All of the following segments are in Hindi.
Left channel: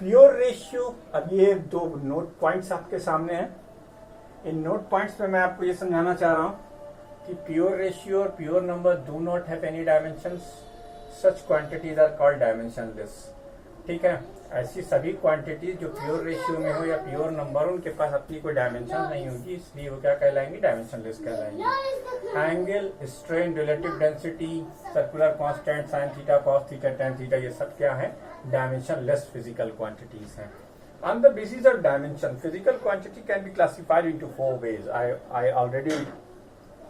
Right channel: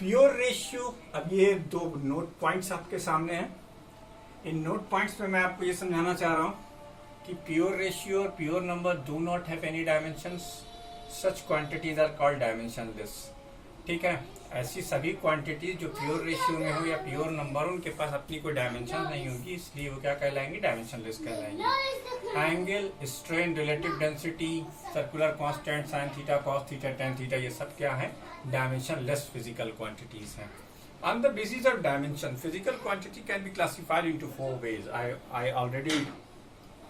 प्योर रेशियो, अब ये दो नोट पॉइंट्स आपके सामने हैं। इन नोट पॉइंट्स में मैं आपको ये समझाना चाह रहा हूं कि प्योर रेशियो और pure number do not have any dimensions, such quantities are called dimensionless. ठीक है, ऐसी सभी क्वांटिटीज जो प्योर रेशियो में हो या प्योर नंबर हो, उनके पास अपनी कोई डायमेंशन नहीं होगी, इसलिए वो क्या कहलाएंगे, डायमेंशनलेस कहलाएंगे। Angle, strain, relative density, circular constant, sine theta, cos theta, tan theta, ये सब क्या है, डायमेंशनलेस फिजिकल क्वांटिटीज हैं। On the basis of dimension, physical quantity can be classified into four ways. I already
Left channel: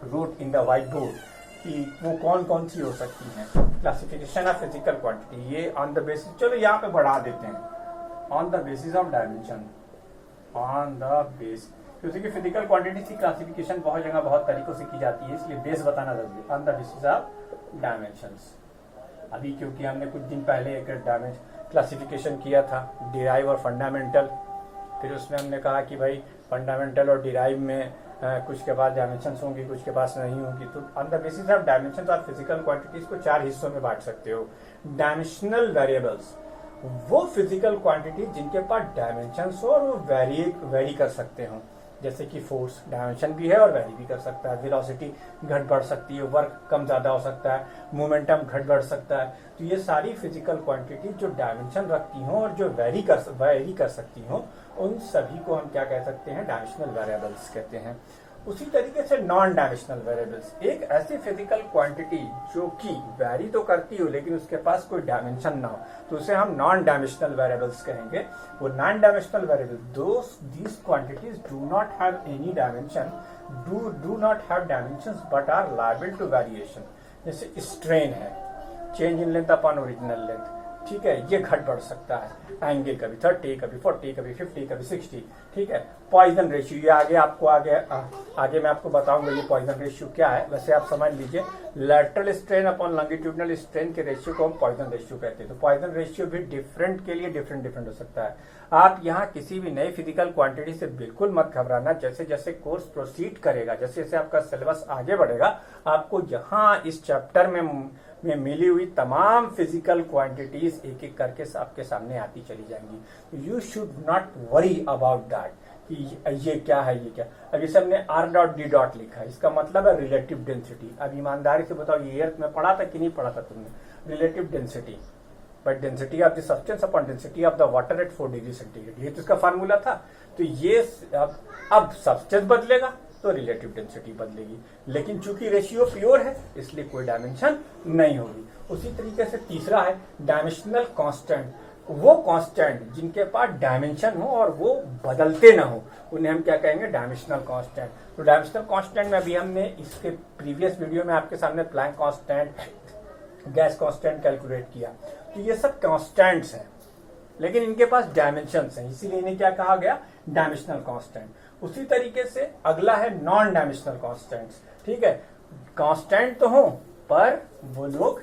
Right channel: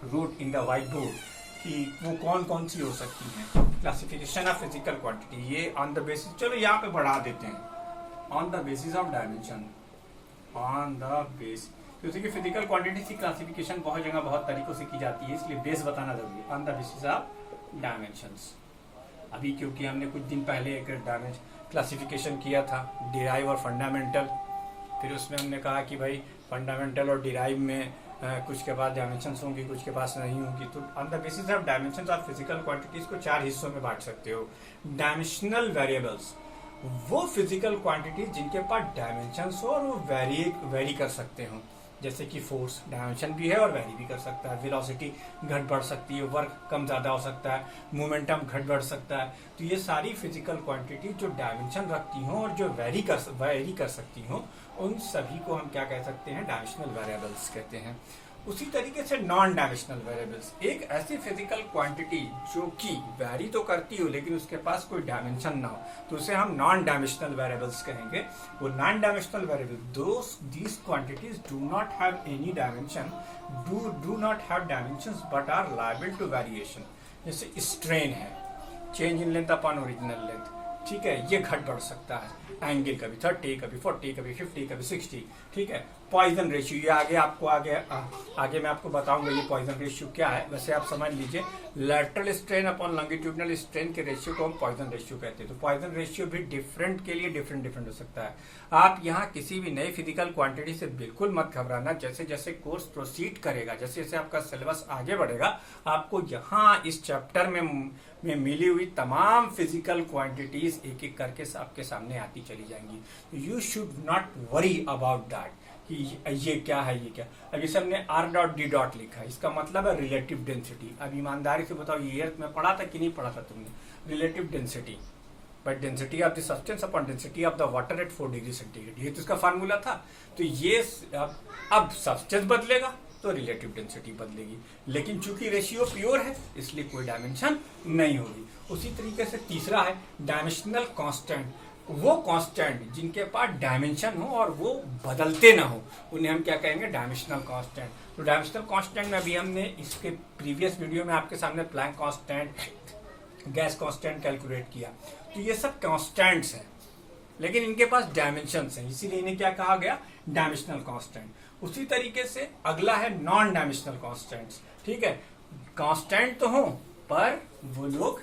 wrote in the whiteboard कि वो कौन कौन सी हो सकती हैं। क्लासिफिकेशन ऑफ फिजिकल क्वांटिटी, ये ऑन द बेसिस, चलो यहाँ पे बढ़ा देते हैं, on the basis of dimension, on the base, क्योंकि फिजिकल क्वांटिटी की क्लासिफिकेशन बहुत जगह बहुत तरीकों से की जाती है, इसलिए बेस बताना जरूरी है। On the basis of dimensions, अभी क्योंकि हमने कुछ दिन पहले एक डायमेंशन क्लासिफिकेशन किया था, डिराइव और फंडामेंटल, फिर उसमें हमने कहा कि भाई फंडामेंटल और डिराइव में कुछ के पास डायमेंशंस होंगी, कुछ के पास नहीं होंगी। तो on the basis of dimensions of physical quantities को चार हिस्सों में बांट सकते हो। डायमेंशनल वेरिएबल्स, वो फिजिकल क्वांटिटीज जिनके पास डायमेंशंस हो और वो वेरी कर सकते हो, जैसे कि फोर्स डायमेंशन भी है और वेरी भी कर सकता है, वेलोसिटी घट बढ़ सकती है, वर्क कम ज्यादा हो सकता है, मोमेंटम घट बढ़ सकता है। तो ये सारी फिजिकल क्वांटिटी जो डायमेंशन रखती हो और जो वेरी कर सकती हो, उन सभी को हम क्या कह सकते हैं, डायमेंशनल वेरिएबल्स कहते हैं। उसी तरीके से नॉन डायमेंशनल वेरिएबल्स, एक ऐसी फिजिकल क्वांटिटी जो कि वेरी तो करती हो लेकिन उसके पास कोई डायमेंशन ना हो, तो उसे हम नॉन डायमेंशनल वेरिएबल्स कहेंगे। वो non dimensional variable, these quantities do not have any dimension, do not have dimensions but are liable to variation. जैसे स्ट्रेन है, change in length upon original length, ठीक है, ये घट बढ़ सकता है। एंगल कभी 30, कभी 40, कभी 50, कभी 60, ठीक है। पॉइजन रेशियो, ये आगे मैं आपको बताऊंगा ये पॉइजन रेशियो क्या है। वैसे आप समझ लीजिए, lateral strain upon longitudinal strain के रेशियो को हम पॉइजन रेशियो कहते हैं। तो पॉइजन रेशियो भी डिफरेंट के लिए डिफरेंट हो सकता है। आप यहाँ किसी भी नई फिजिकल क्वांटिटी से बिल्कुल मत घबराना। जैसे जैसे कोर्स प्रोसीड करेगा, जैसे जैसे आपका सिलेबस आगे बढ़ेगा, आपको यहाँ इस चैप्टर में मिली हुई तमाम फिजिकल क्वांटिटीज एक एक करके आपके सामने आती चली जाएंगी। You should not worry about that कि ये क्या है, ये क्या। अब इसे हमने आर डॉट डी डॉट लिखा है, इसका मतलब है रिलेटिव डेंसिटी। अब ईमानदारी से बताओ, ये अर्थ में पढ़ा था कि नहीं पढ़ा था तुमने, relative density, but density of the substance upon density of the water at 4 degree centigrade, ये तो इसका फार्मूला था। तो ये अब सब्सटेंस बदलेगा तो रिलेटिव डेंसिटी बदलेगी, लेकिन चूंकि रेशियो प्योर है इसलिए कोई डायमेंशन नहीं होगी। उसी तरीके से तीसरा है डायमेंशनल कांस्टेंट, वो कांस्टेंट जिनके पास डायमेंशन हो और वो बदलते ना हो, उन्हें हम क्या कहेंगे, डायमेंशनल कांस्टेंट। तो डायमेंशनल कांस्टेंट में अभी हमने इसके प्रीवियस वीडियो में आपके सामने Planck constant, gas constant calculate किया। तो ये सब कांस्टेंट्स हैं, लेकिन इनके पास डायमेंशंस हैं, इसीलिए इन्हें क्या कहा गया, डायमेंशनल कांस्टेंट। उसी तरीके से अगला है नॉन डायमेंशनल कांस्टेंट्स, ठीक है। कांस्टेंट तो हो पर वो लोग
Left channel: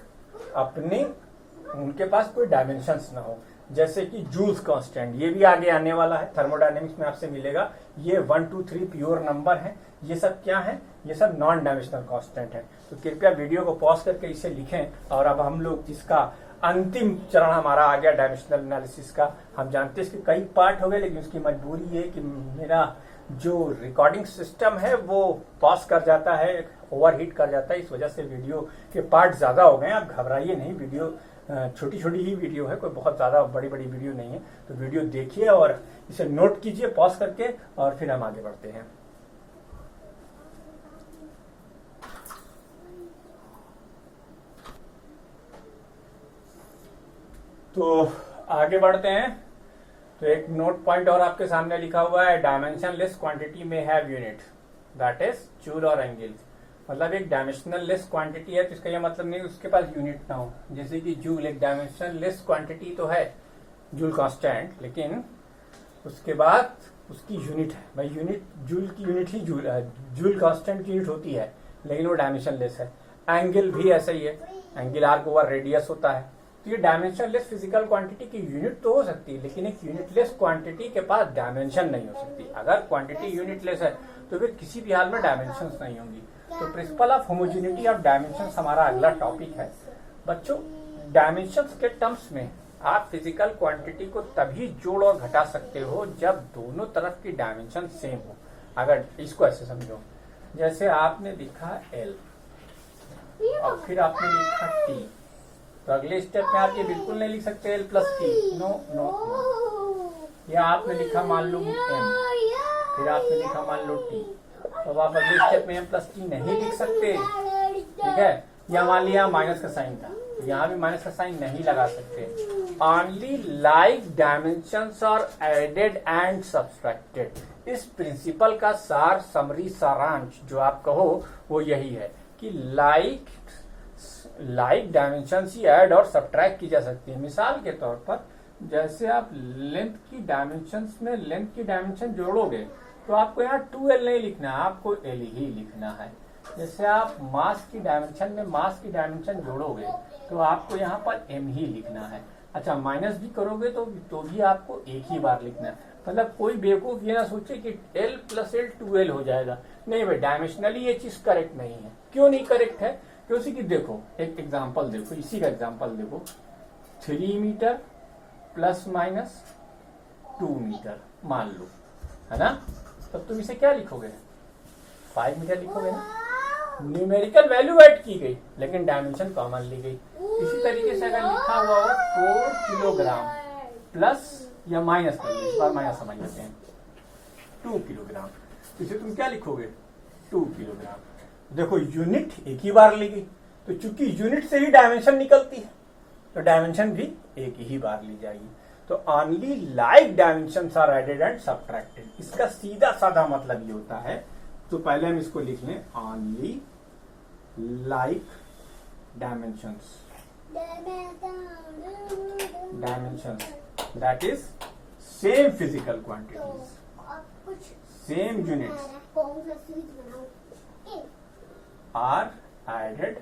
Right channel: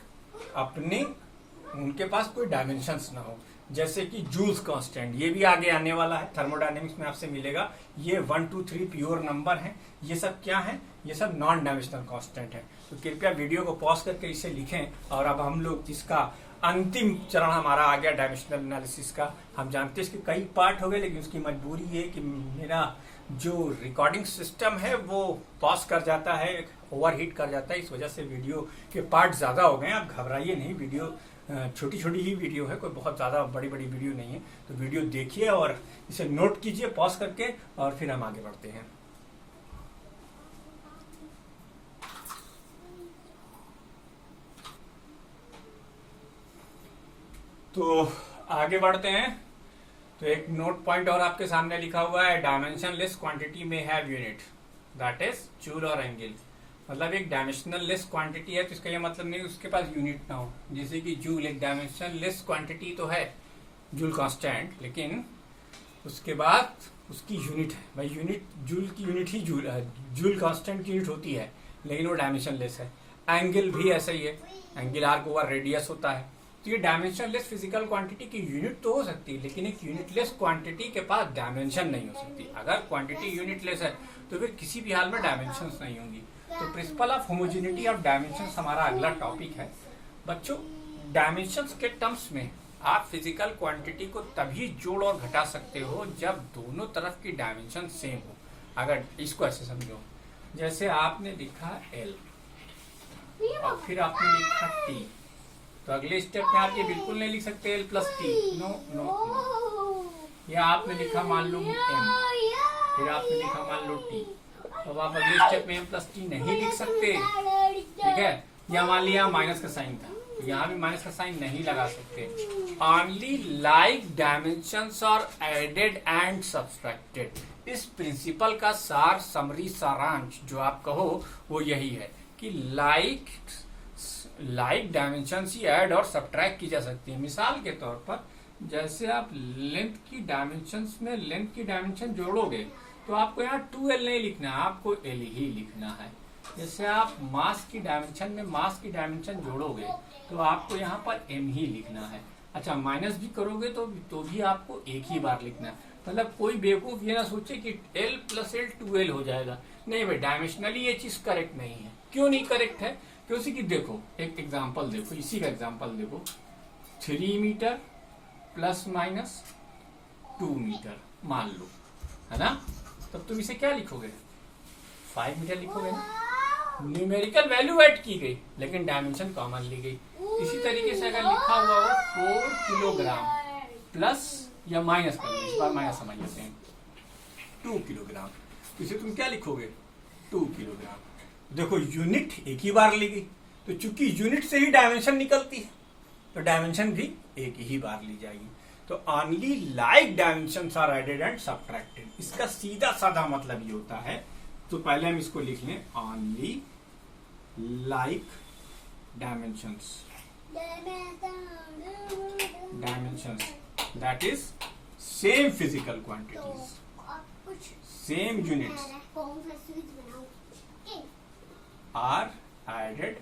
अपने, उनके पास कोई डायमेंशंस ना हो, जैसे कि जूल्स कांस्टेंट, ये भी आगे आने वाला है, थर्मोडायनेमिक्स में आपसे मिलेगा। ये 1, 2, 3 प्योर नंबर हैं, ये सब क्या है, ये सब नॉन डायमेंशनल कांस्टेंट है। तो कृपया वीडियो को पॉज करके इसे लिखें। और अब हम लोग इसका अंतिम चरण हमारा आ गया डायमेंशनल एनालिसिस का। हम जानते हैं इसके कई पार्ट हो गए, लेकिन उसकी मजबूरी है कि मेरा जो रिकॉर्डिंग सिस्टम है वो पॉज कर जाता है, ओवरहीट कर जाता है, इस वजह से वीडियो के पार्ट ज्यादा हो गए। आप घबराइए नहीं, वीडियो छोटी छोटी ही वीडियो है, कोई बहुत ज्यादा बड़ी बड़ी वीडियो नहीं है। तो वीडियो देखिए और इसे नोट कीजिए पॉज करके, और फिर हम आगे बढ़ते हैं। तो आगे बढ़ते हैं। तो एक नोट पॉइंट और आपके सामने लिखा हुआ है, डायमेंशनलेस क्वांटिटी में have unit, that is joule और एंगल। मतलब एक डायमेंशनल लेस क्वांटिटी है तो इसका यह मतलब नहीं उसके पास यूनिट ना हो। जैसे कि जूल एक डायमेंशनल लेस क्वांटिटी तो है, जूल कांस्टेंट, लेकिन उसके बाद उसकी यूनिट है। भाई यूनिट, जूल की यूनिट ही जूल है, जूल कांस्टेंट की यूनिट होती है, लेकिन वो डायमेंशन लेस है। एंगल भी ऐसा ही है, एंगल आर्क ओवर रेडियस होता है। तो ये डायमेंशन लेस फिजिकल क्वांटिटी की यूनिट तो हो सकती है, लेकिन एक यूनिटलेस क्वांटिटी के पास डायमेंशन नहीं हो सकती। अगर क्वांटिटी यूनिटलेस है तो फिर किसी भी हाल में डायमेंशंस नहीं होंगी। तो principle of homogeneity of dimensions हमारा अगला टॉपिक है। बच्चों, डायमेंशंस के टर्म्स में आप फिजिकल क्वांटिटी को तभी जोड़ और घटा सकते हो जब दोनों तरफ की डायमेंशन सेम हो। अगर इसको ऐसे समझो, जैसे आपने लिखा L और फिर आपने लिखा T, तो अगले स्टेप में आप ये बिल्कुल नहीं लिख सकते L plus T, no no no. या आपने लिखा मान लो M, फिर आपने लिखा मान लो T, तो आप अगले स्टेप में M प्लस T नहीं लिख सकते, ठीक है। या मान लिया माइनस का साइन था, यहाँ भी माइनस का साइन नहीं लगा सकते। Only like dimensions are added and subtracted. इस प्रिंसिपल का सार, समरी, सारांश जो आप कहो वो यही है कि लाइक डायमेंशंस ही ऐड और सब्ट्रैक्ट की जा सकती है। मिसाल के तौर पर जैसे आप लेंथ की डायमेंशंस में लेंथ की डायमेंशन जोड़ोगे तो आपको यहाँ 2L नहीं लिखना है, आपको L ही लिखना है। जैसे आप मास की डायमेंशन में मास की डायमेंशन जोड़ोगे तो आपको यहाँ पर M ही लिखना है। अच्छा, माइनस भी करोगे तो भी आपको एक ही बार लिखना है। मतलब कोई बेवकूफ ये ना सोचे कि L प्लस L 2L हो जाएगा। नहीं भाई, डायमेंशनली ये चीज करेक्ट नहीं है। क्यों नहीं करेक्ट है? क्योंकि कि देखो, एक एग्जांपल देखो, इसी का एग्जांपल देखो, 3 मीटर प्लस माइनस 2 मीटर मान लो, है ना। तब तुम इसे क्या लिखोगे? 5 मीटर लिखोगे ना। न्यूमेरिकल वैल्यू ऐड की गई लेकिन डायमेंशन कॉमन ली गई। इसी तरीके से अगर लिखा हुआ हो 4 किलोग्राम प्लस या माइनस कर लो, इस बार माइनस समझ लेते हैं, 2 किलोग्राम, तो इसे तुम क्या लिखोगे? 2 किलोग्राम। देखो, यूनिट एक ही बार ली गई, तो चूंकि यूनिट से ही डायमेंशन निकलती है तो डायमेंशन भी एक ही बार ली जाएगी। तो only like dimensions are added and subtracted. इसका सीधा साधा मतलब ये होता है, तो पहले हम इसको लिख लें, only like dimensions that is same physical quantities, same units are added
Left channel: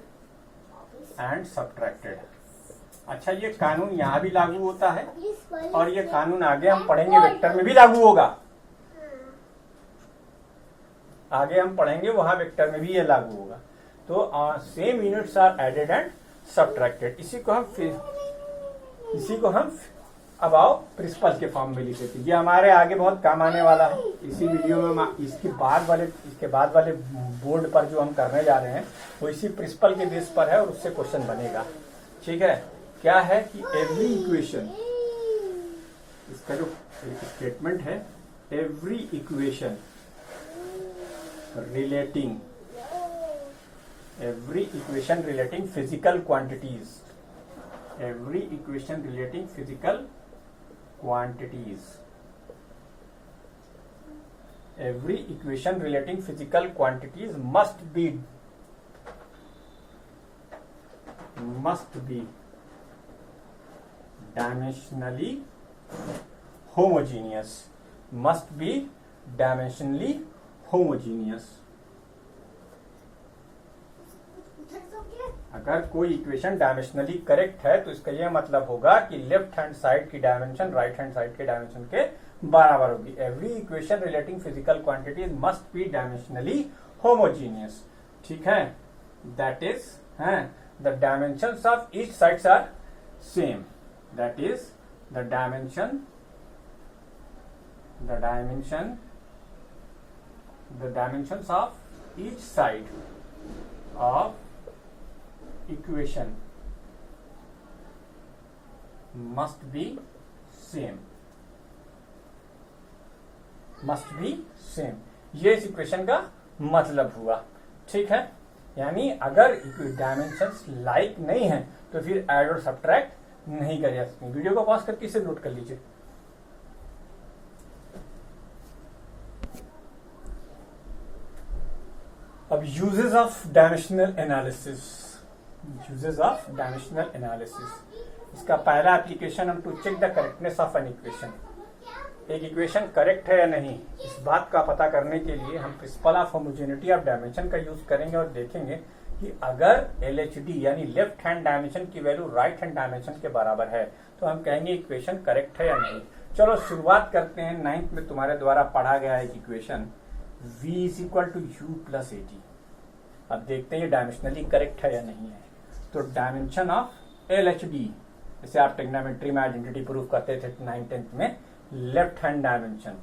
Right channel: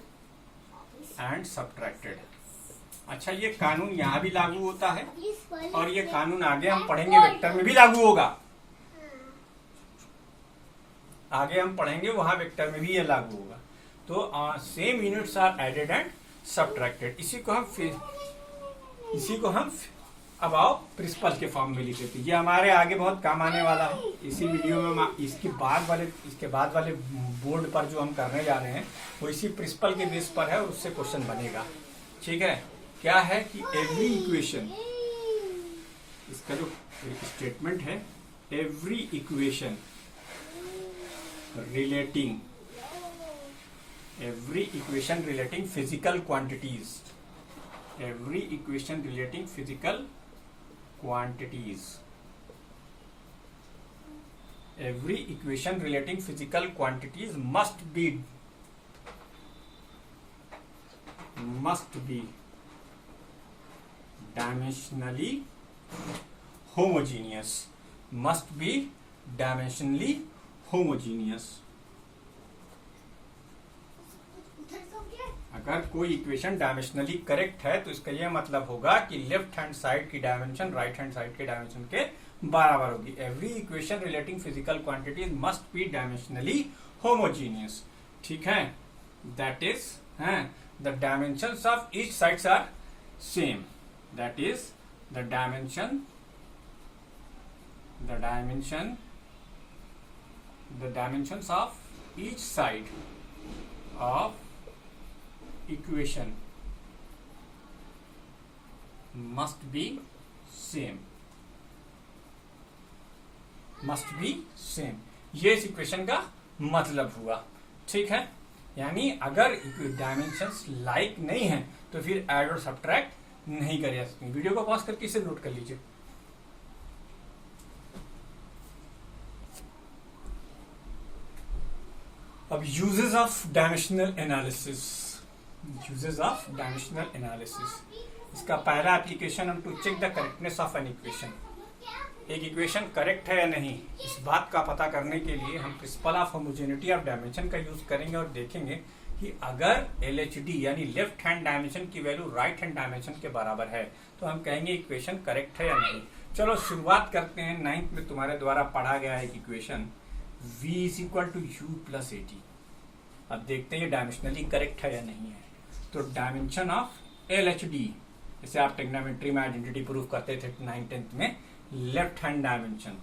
and subtracted. अच्छा, ये कानून यहाँ भी लागू होता है और ये कानून आगे हम पढ़ेंगे वेक्टर में भी लागू होगा। आगे हम पढ़ेंगे वहां वेक्टर में भी ये लागू होगा। तो same units are added and subtracted. इसी को हम अबाव प्रिंसिपल के फॉर्म में लिख लेते हैं। ये हमारे आगे बहुत काम आने वाला है। इसी वीडियो में इसके बाद वाले बोर्ड पर जो हम करने जा रहे हैं वो इसी प्रिंसिपल के बेस पर है और उससे क्वेश्चन बनेगा। ठीक है, क्या है कि एवरी इक्वेशन, इसका जो स्टेटमेंट है, every equation relating physical quantities, every equation relating physical quantities must be dimensionally homogeneous। अगर कोई इक्वेशन डायमेंशनली करेक्ट है तो इसका यह मतलब होगा कि लेफ्ट हैंड साइड की डायमेंशन राइट हैंड साइड के डायमेंशन के बराबर होगी। Every equation relating physical quantities must be dimensionally homogeneous. ठीक है, that is the dimensions of each sides are same. That is the dimensions of each side of equation must be same। ये इस इक्वेशन का मतलब हुआ। ठीक है, यानी अगर डायमेंशंस लाइक नहीं है तो फिर ऐड और सब्ट्रैक्ट नहीं कर सकते। वीडियो को पॉज करके इसे नोट कर लीजिए। अब यूजेस ऑफ डायमेंशनल एनालिसिस। इसका पहला एप्लीकेशन हम to check the correctness of an equation. एक इक्वेशन करेक्ट है या नहीं, इस बात का पता करने के लिए हम principle of homogeneity of dimension का यूज करेंगे और देखेंगे कि अगर LHD यानी लेफ्ट हैंड डायमेंशन की वैल्यू राइट हैंड डायमेंशन के बराबर है तो हम कहेंगे इक्वेशन करेक्ट है या नहीं। चलो शुरुआत करते हैं। 9th में तुम्हारे द्वारा पढ़ा गया है इक्वेशन V = U + AT। अब देखते हैं ये डायमेंशनली करेक्ट है या नहीं है। तो डायमेंशन ऑफ LHD इसे आप ट्रिग्नोमेट्री में आइडेंटिटी प्रूफ करते थे 9th में, लेफ्ट हैंड डायमेंशन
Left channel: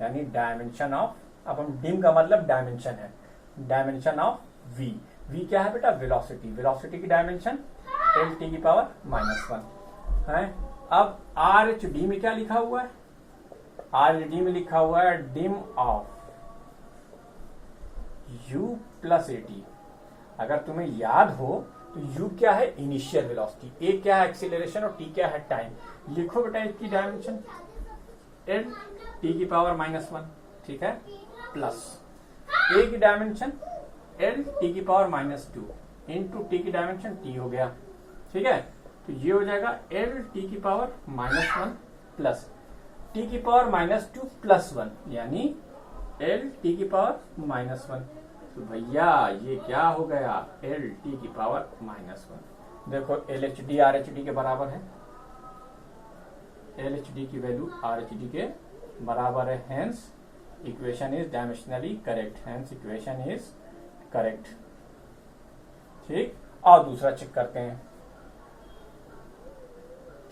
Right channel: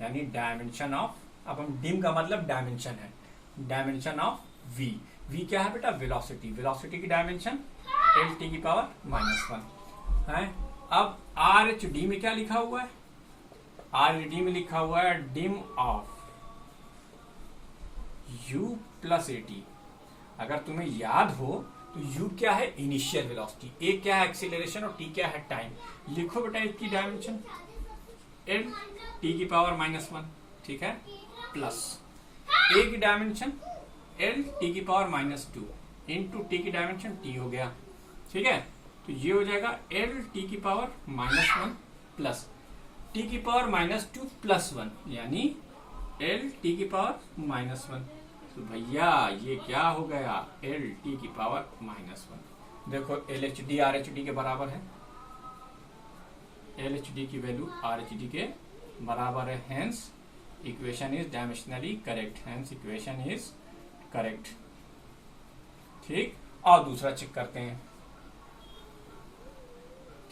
यानी डायमेंशन ऑफ, अब हम डिम का मतलब डायमेंशन है, डायमेंशन ऑफ v। v क्या है बेटा? वेलोसिटी। वेलोसिटी की डायमेंशन l t की पावर -1 है। अब आर एच डी में क्या लिखा हुआ है? आर एच डी में लिखा हुआ है dim of u plus A T. अगर तुम्हें याद हो तो u क्या है? इनिशियल वेलोसिटी, a क्या है? एक्सीलरेशन, और t क्या है? टाइम। लिखो बेटा इसकी डायमेंशन l t की पावर -1, ठीक है, प्लस a की डायमेंशन l t की पावर -2 इंटू t की डायमेंशन t हो गया, ठीक है। तो ये हो जाएगा l t की पावर -1 प्लस t की पावर -2 प्लस 1 यानी l t की पावर -1। तो भैया ये क्या हो गया? l t की पावर -1। देखो L H D R H D के बराबर है, एल एच डी की वैल्यू आर एच डी के बराबर है, hence equation is dimensionally correct, hence equation is correct, ठीक। और दूसरा चेक करते हैं,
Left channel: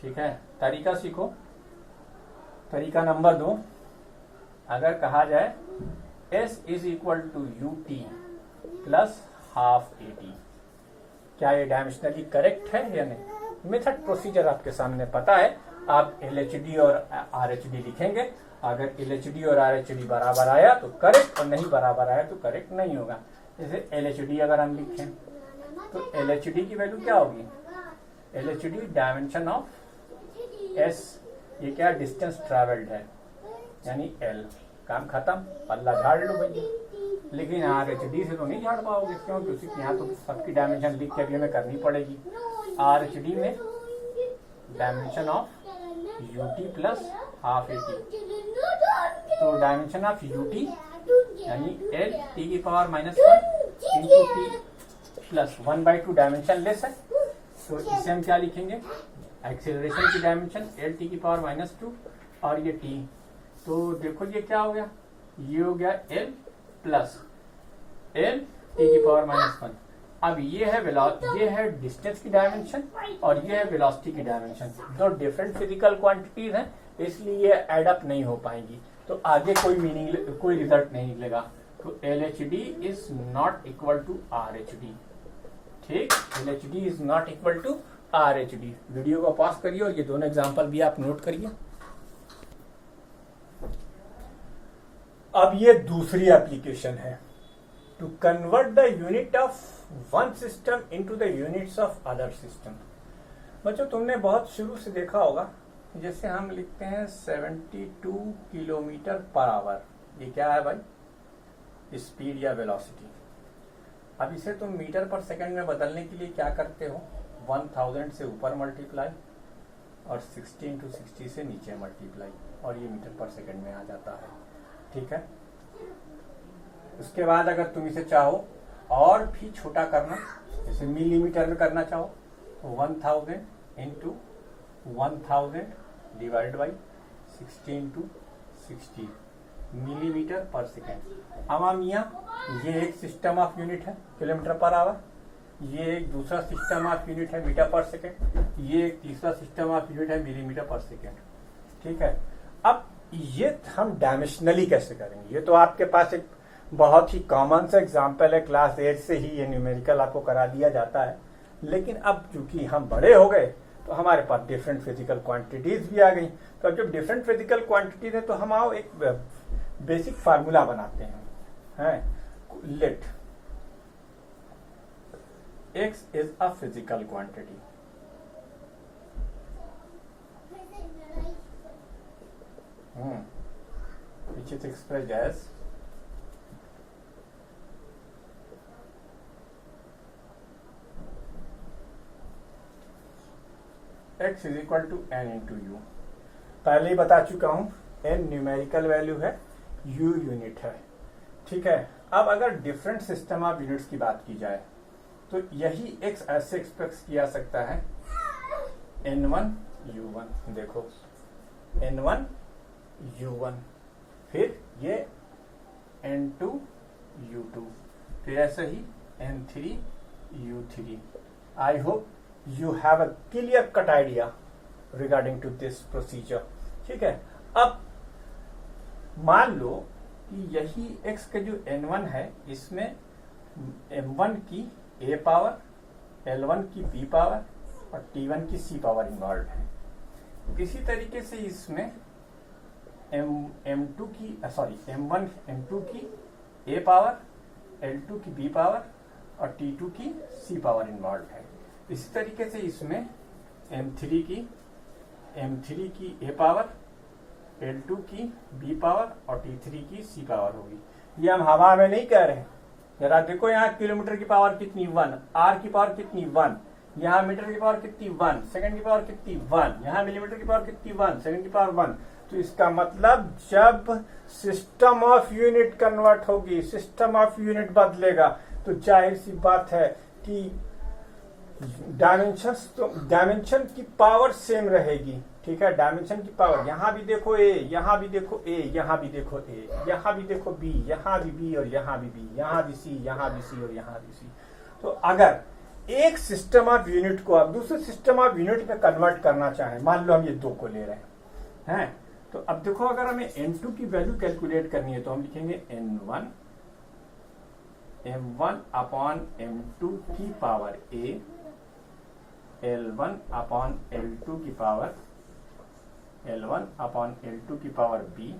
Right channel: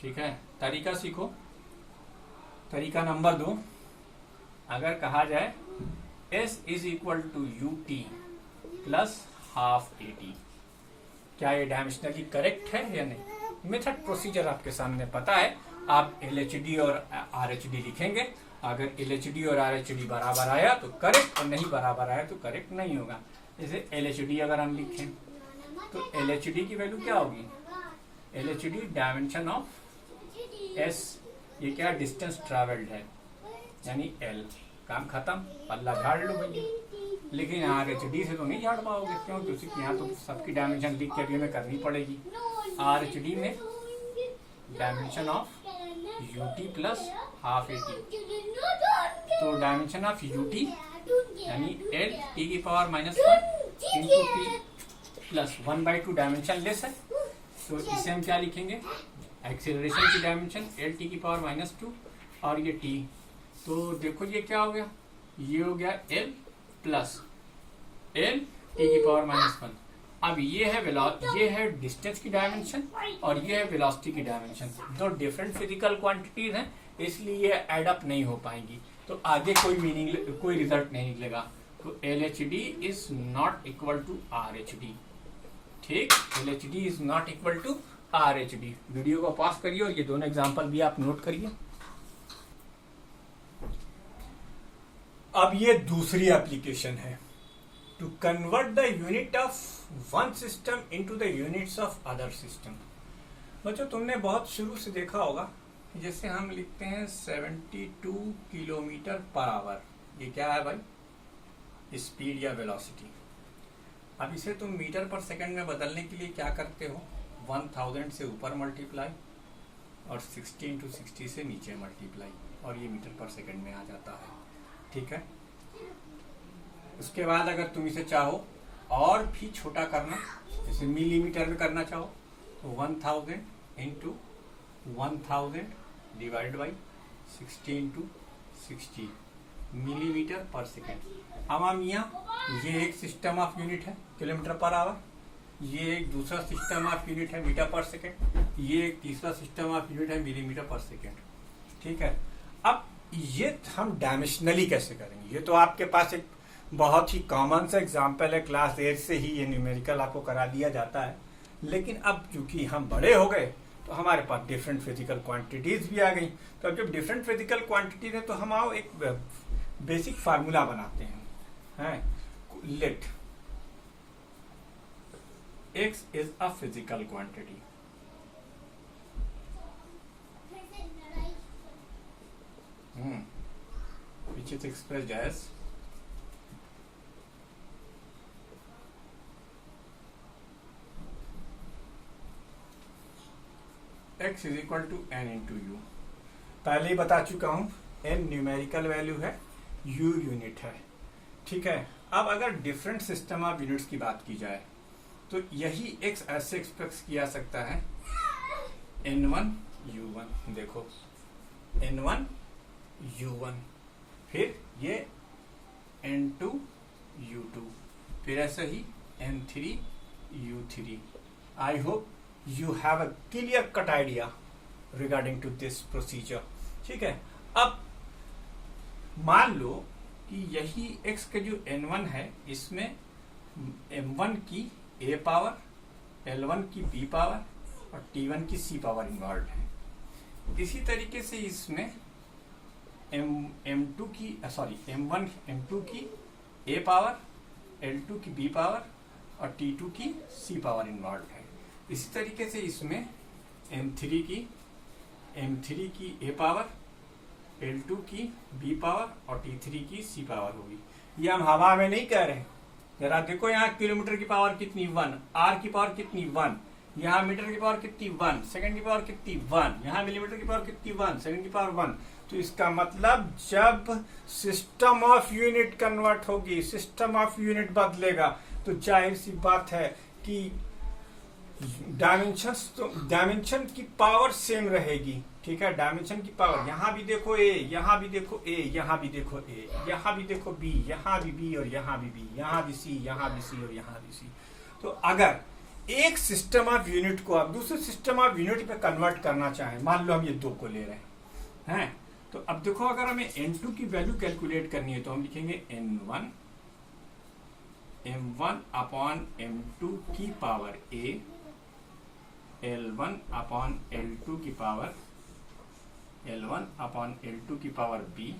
ठीक है। तरीका सीखो। तरीका नंबर 2, अगर कहा जाए S is equal to u t plus half a t, क्या ये डायमेंशनली करेक्ट है या नहीं? मेथड प्रोसीजर आपके सामने पता है, आप एल एच डी और आर एच डी लिखेंगे। अगर एल एच डी और आर एच डी बराबर आया तो करेक्ट, और नहीं बराबर आया तो करेक्ट नहीं होगा। जैसे एल एच डी अगर हम लिखें तो एल एच डी की वैल्यू क्या होगी? L H D dimension of S, ये क्या डिस्टेंस ट्रेवल्ड है यानी एल, काम खत्म, पल्ला झाड़ लो भैया। लेकिन आर एच डी से तो नहीं झाड़ पाओगे, क्यों? क्योंकि यहाँ तो सबकी डायमेंशन लिख के में करनी पड़ेगी। आर एच डी में dimension of you t plus half a T, तो डायमेंशन ऑफ यू टी यानी एल टी की power -1 into T plus 1/2 dimension less है, तो इसे हम क्या लिखेंगे? एक्सेलरेशन की डायमेंशन एल टी की पावर -2 और ये टी, तो देखो ये क्या हो गया? ये हो गया एल प्लस एल टी की पावर -1। अब ये है डिस्टेंस की डायमेंशन और ये है वेलोसिटी की डायमेंशन, दो डिफरेंट फिजिकल क्वांटिटीज हैं, इसलिए ये एड अप नहीं हो पाएंगी, तो आगे कोई रिजल्ट नहीं निकलेगा। तो L H D is not equal to R H D, ठीक। L H D is not equal to R H D. Video को पॉज करिए और ये दोनों एग्जाम्पल भी आप नोट करिए। अब ये दूसरी एप्लीकेशन है, to convert the unit of one system into the units of other system. बच्चों तुमने बहुत शुरू से देखा होगा, जैसे हम लिखते हैं 72 किलोमीटर पर आवर, ये क्या है भाई? स्पीड या वेलोसिटी। अब इसे तुम मीटर पर सेकंड में बदलने के लिए क्या करते हो? 1000 से ऊपर मल्टीप्लाई और 16 to 60 से नीचे मल्टीप्लाई, और ये मीटर पर सेकंड में आ जाता है, ठीक है। उसके बाद अगर तुम इसे चाहो और भी छोटा करना, जैसे मिलीमीटर में करना चाहो तो 1000 into 1000 divide by 16 to 60 millimetre पर सेकेंड। अब यहाँ ये एक सिस्टम ऑफ यूनिट है किलोमीटर पर आवर, ये एक दूसरा सिस्टम ऑफ यूनिट है मीटर पर सेकेंड, ये एक तीसरा सिस्टम ऑफ यूनिट है मिलीमीटर पर सेकेंड, ठीक है। अब ये हम डायमेंशनली कैसे करेंगे? ये तो आपके पास एक बहुत ही कॉमन सा एग्जाम्पल है, क्लास 8 से ही ये न्यूमेरिकल आपको करा दिया जाता है। लेकिन अब चूंकि हम बड़े हो गए तो हमारे पास डिफरेंट फिजिकल क्वांटिटीज भी आ गई, तो अब जब डिफरेंट फिजिकल क्वांटिटीज है तो हम आओ एक बेसिक फार्मूला बनाते हैं, late x is a physical quantity, which is expressed as x is equal to n into u। पहले ही बता चुका हूं, n न्यूमेरिकल वैल्यू है, u यूनिट है, ठीक है। अब अगर डिफरेंट सिस्टम ऑफ यूनिट्स की बात की जाए तो यही x ऐसे एक्सप्रेस किया सकता है n1 u1, देखो n1 u1, फिर ये n2 u2, फिर ऐसे ही n3 u3। I hope you have a clear cut idea regarding to this procedure. ठीक है, अब मान लो कि यही x का जो n1 है इसमें m1 की a पावर, l1 की b पावर और t1 की c पावर इन्वॉल्व है। इसी तरीके से इसमें m2 की m1 m2 की a पावर, l2 की b पावर और t2 की c पावर इन्वॉल्व है। इसी तरीके से इसमें m3 की a पावर, l2 की b पावर और t3 की c पावर होगी। ये हम हवा में नहीं कह रहे। जरा देखो यहाँ किलोमीटर की पावर कितनी 1, r की पावर कितनी 1, यहाँ मीटर की पावर कितनी 1, सेकंड की पावर कितनी 1, यहाँ मिलीमीटर की पावर कितनी 1, सेकंड की पावर 1। तो इसका मतलब जब सिस्टम ऑफ यूनिट कन्वर्ट होगी, सिस्टम ऑफ यूनिट बदलेगा, तो जाहिर सी बात है कि डायमेंशन की पावर सेम रहेगी। ठीक है, डायमेंशन की पावर, यहाँ भी देखो a, यहाँ भी देखो a, यहाँ भी देखो a, यहाँ भी देखो b, यहाँ भी b और यहाँ भी b, यहाँ भी c, यहाँ भी c और यहाँ भी c। तो अगर एक सिस्टम ऑफ यूनिट को आप दूसरे सिस्टम ऑफ यूनिट पे कन्वर्ट करना चाहें, मान लो हम ये 2 को ले रहे हैं, तो अब देखो अगर हमें n2 की वैल्यू कैलकुलेट करनी है तो हम लिखेंगे n1 m1 अपॉन m2 की power a, l1 upon l2 की पावर l1 अपॉन l2 की पावर b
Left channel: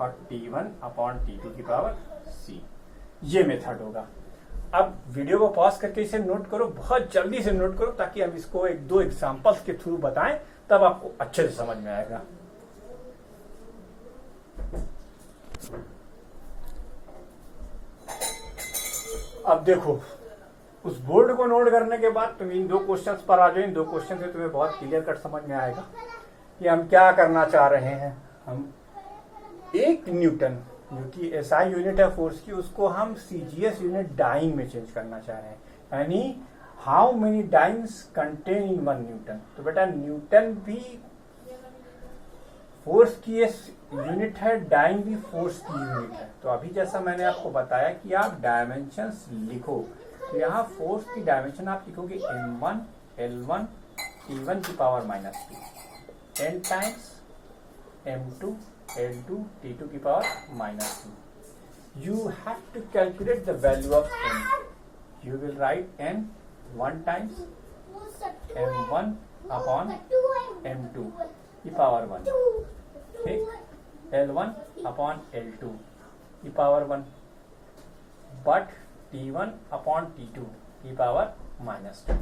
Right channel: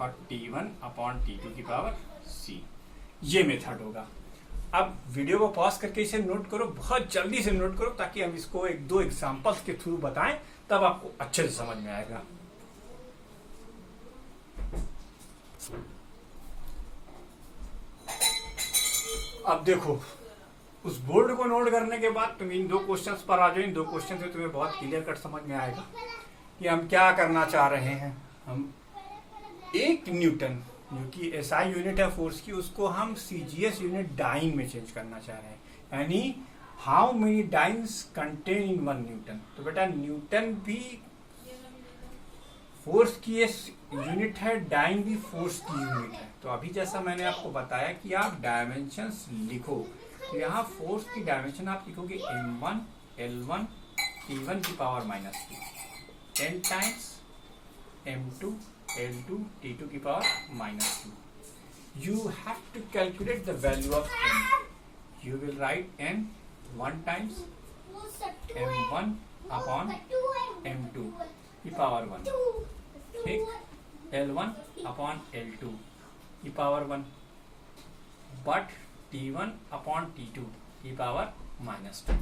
और t1 अपॉन t2 की पावर c। ये मेथड होगा। अब वीडियो को पॉज करके इसे नोट करो, बहुत जल्दी से नोट करो, ताकि हम इसको 1-2 एग्जांपल्स के थ्रू बताएं, तब आपको अच्छे से समझ में आएगा। अब देखो, उस बोर्ड को नोट करने के बाद तुम इन 2 क्वेश्चंस पर आ जाओ। इन 2 क्वेश्चन से तुम्हें बहुत क्लियर कट समझ में आएगा कि हम क्या करना चाह रहे हैं। हम 1 न्यूटन जो कि एसआई यूनिट है फोर्स की, उसको हम सीजीएस यूनिट डाइन में चेंज करना चाह रहे हैं, यानी how many dance contain in 1 Newton. तो बेटा न्यूटन भी फोर्स की यूनिट है, डाइन भी फोर्स की यूनिट है। तो अभी जैसा मैंने आपको बताया कि आप डायमेंशंस लिखो, तो यहाँ फोर्स की डायमेंशन आप लिखोगे m1 l1 t1 की power -2 n times m2 l2 t2 की power -2। You have to calculate the value of n. You will write n 1 times m1 upon m2 की पावर 1, ठीक, l1 upon l2 की power 1, but t1 upon t2 की पावर -2।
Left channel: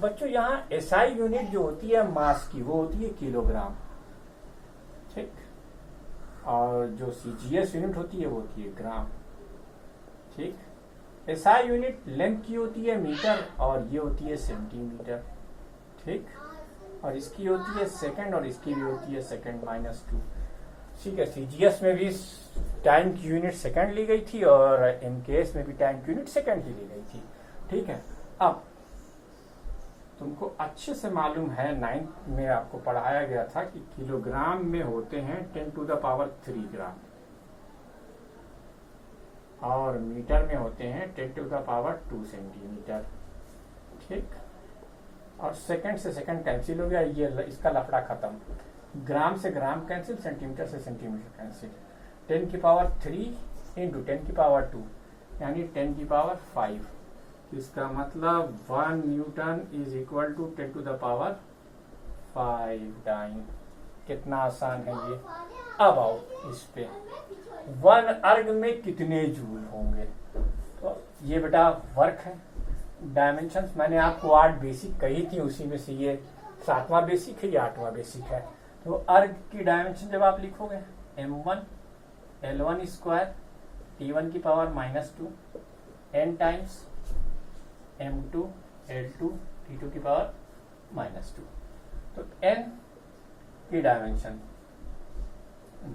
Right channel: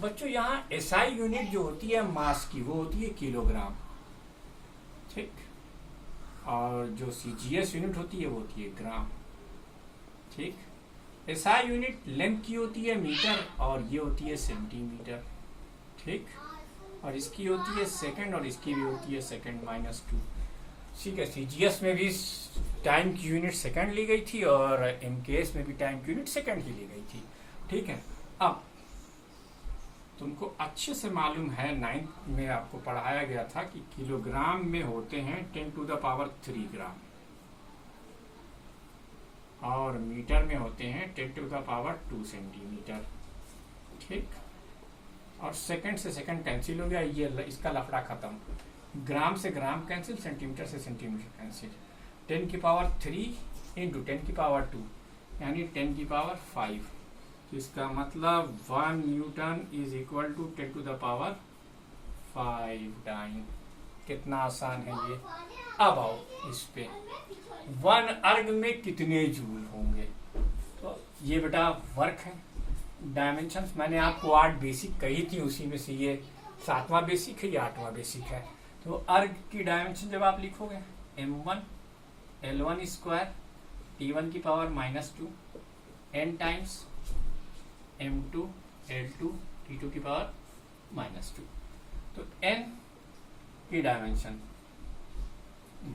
बच्चों यहाँ एसआई यूनिट जो होती है मास की, वो होती है किलोग्राम, ठीक, और जो सीजीएस यूनिट होती है वो होती है ग्राम, ठीक। एसआई यूनिट लेंथ की होती है मीटर और ये होती है सेंटीमीटर, ठीक, और इसकी होती है सेकंड और इसकी भी होती है सेकंड -2, ठीक है। सीजीएस में भी टाइम की यूनिट सेकंड ली गई थी और एमकेएस में भी टाइम की यूनिट सेकंड ही ली गई थी, ठीक है। अब तुमको अच्छे से मालूम है 9th में आपको पढ़ाया गया था कि किलोग्राम में होते हैं 10⁻³ ग्राम और मीटर में होते हैं 10⁻² सेंटीमीटर, ठीक। और सेकंड से सेकंड कैंसिल हो गया, ये इसका लफड़ा खत्म। ग्राम से ग्राम कैंसिल, सेंटीमीटर से सेंटीमीटर कैंसिल। 10⁻³ इंटू 10⁻², यानी 10⁻5। तो इसका मतलब 1 newton is equal to 10⁻5 dyne. कितना आसान है ये। अब आओ इस पे, 1 अर्ग में कितने जूल होंगे। तो ये बेटा वर्क है। डायमेंशंस मैंने आपको 8 बेसिक कही थी, उसी में से ये 7वां बेसिक है, ये 8वां बेसिक है। तो अर्ग की डायमेंशन जब आप लिखोगे m1 l1 स्क्वायर t1 की power -2 n times m2 l2 t2 की पावर -2। तो n की dimension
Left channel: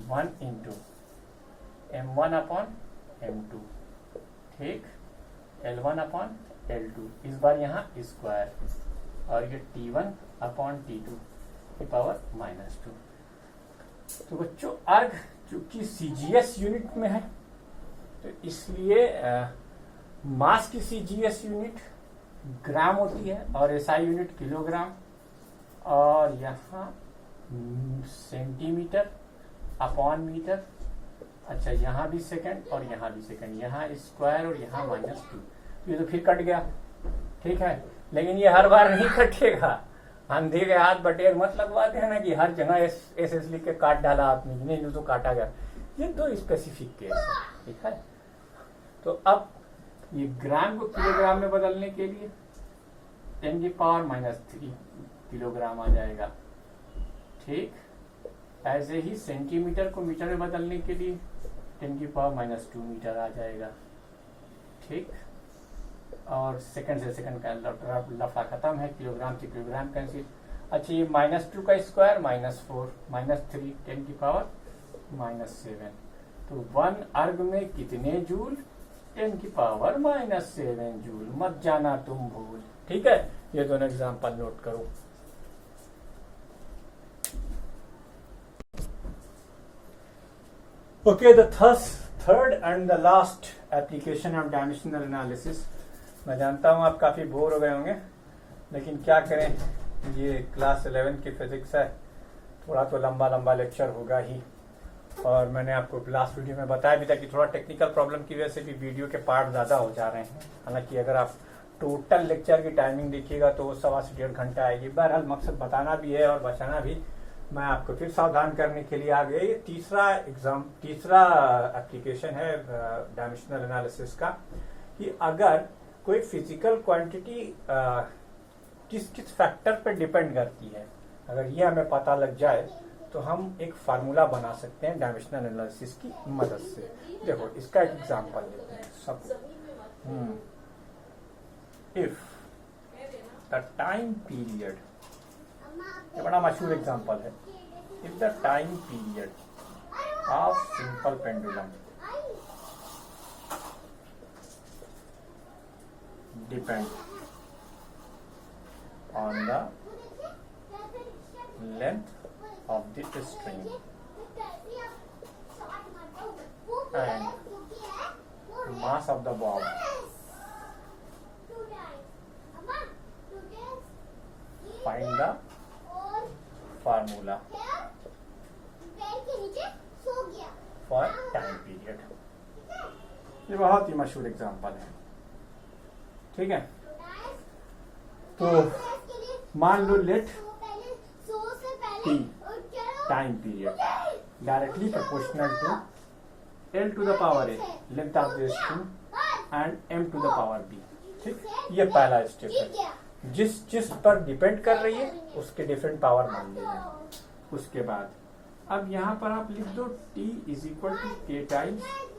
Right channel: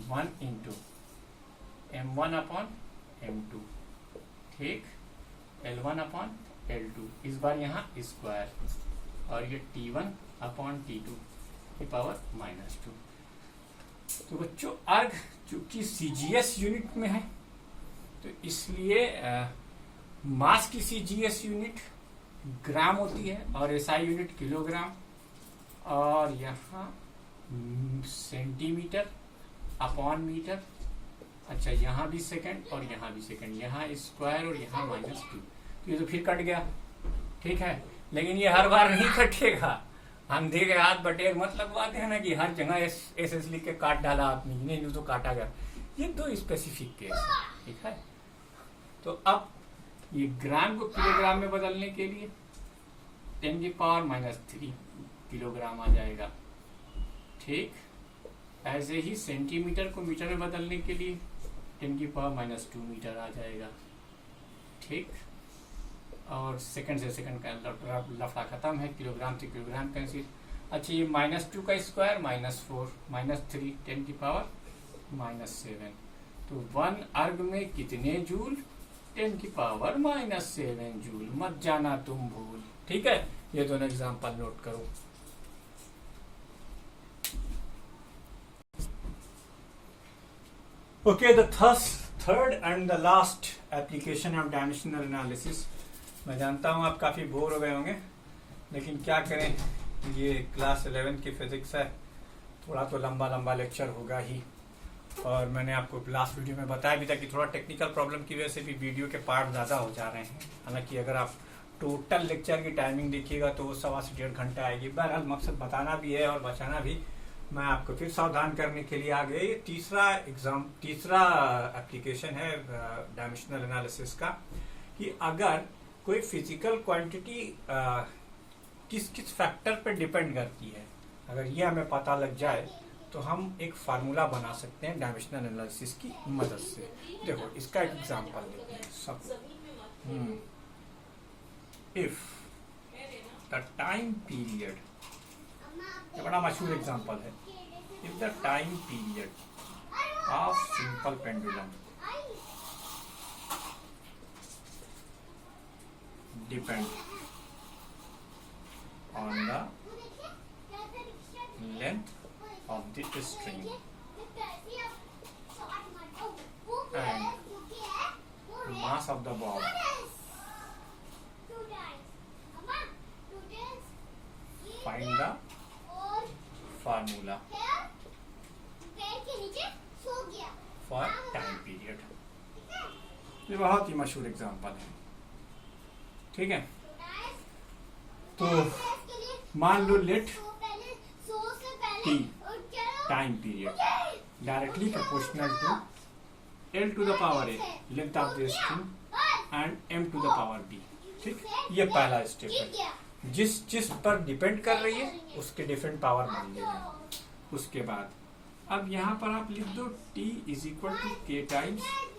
1 into m1 upon m2, ठीक, l1 अपॉन l2, इस बार यहाँ स्क्वायर, और ये t1 अपॉन t2 की पावर -2। तो बच्चों अर्ग चूंकि सीजीएस यूनिट में है, तो इसलिए मास की सीजीएस यूनिट ग्राम होती है और एसआई यूनिट किलोग्राम, और यहाँ सेंटीमीटर अपॉन मीटर। अच्छा, यहाँ भी सेकंड और यहाँ भी सेकंड, यहाँ स्क्वायर और यहाँ -2। तो ये तो फिर कट गया, ठीक है। लेकिन ये हर बार नहीं कटेगा, अंधे के हाथ बटेर मत लगवा देना कि हर जगह एस लिख के काट डाला आपने, नहीं तो काटा गया। ये दो स्पेसिफिक केस है, ठीक है। तो अब ये ग्राम को किलोग्राम में बदलने के लिए 10⁻³ किलोग्राम आ जाएगा, ठीक। ऐसे ही सेंटीमीटर को मीटर में बदलने के लिए 10⁻² मीटर आ जाएगा, ठीक। और सेकंड से सेकंड का लफड़ा खत्म है, किलोग्राम से किलोग्राम कैंसिल। अच्छा, ये -2 का स्क्वायर -4 -3 10⁻⁻7। तो 1 अर्ग में कितने जूल? 10⁻⁻7 जूल। मत जाना तुम भूल, ठीक है। ये दोनों एग्जाम्पल नोट करो। Okay, the third and the last application of dimensional analysis. मैं जानता हूँ आप काफ़ी बोर हो गए होंगे, लेकिन क्या करें, ये क्लास 11 की फिजिक्स है, थोड़ा तो लंबा लंबा लेक्चर होगा ही। और मैंने आपको लास्ट वीडियो में बताया भी था कि थोड़ा टेक्निकल प्रॉब्लम की वजह से भी वीडियो के पार्ट ज़्यादा हो जा रहे हैं। हालांकि अगर आप टोटल लेक्चर की टाइमिंग देखिएगा तो वो 1.25 से 1.5 घंटा आएगी। बहरहाल मकसद बताना भी है और बचाना भी। मैं आपको फिर सावधान करने के लिए आ गया। ये तीसरा एप्लीकेशन है डायमेंशनल एनालिसिस का, कि अगर कोई फिजिकल क्वांटिटी किस किस फैक्टर पर डिपेंड करती है, अगर ये हमें पता लग जाए तो हम एक फार्मूला बना सकते हैं डायमेंशनल एनालिसिस की मदद से। देखो, इसका एक एग्जांपल लेते हैं सब। इफ द टाइम पीरियड, ये बड़ा मशहूर एग्जांपल है। If the time period of simple pendulum depend on the length of the string and mass of the ball, find the formula for time period। ये बहुत ही मशहूर एग्जांपल है, ठीक है। तो मान लो late T time period directly proportional to L to the power A length of the string and M to the power B, ठीक। ये पहला स्टेप है। जिस पर डिपेंड कर रही है उसके डिफरेंट पावर मान लीजिए। उसके बाद अब यहाँ पर आप लिख दो T = K टाइम्स